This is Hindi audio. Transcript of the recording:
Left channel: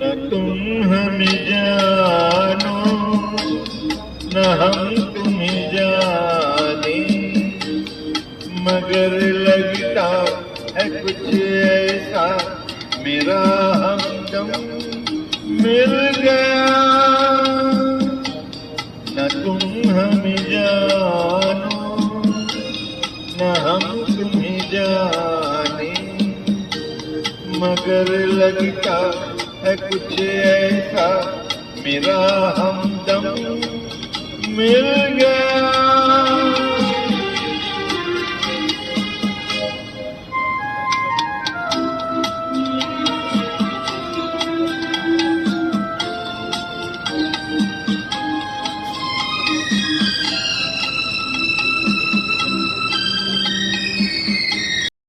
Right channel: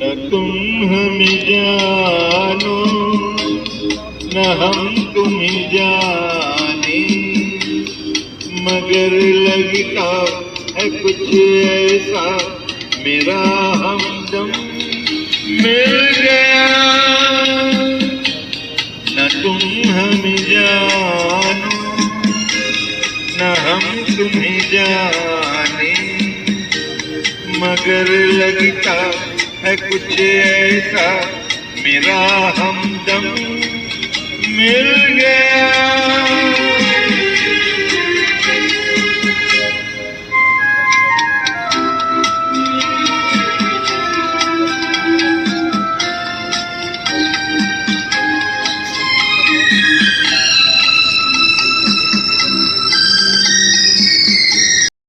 न तुम हमें जानो न हम तुम्हें जाने, मगर लगता है कुछ ऐसा मेरा हमदम मिल गया। न तुम हमें जानो न हम तुम्हें जाने, मगर लगता है कुछ ऐसा मेरा हमदम मिल गया।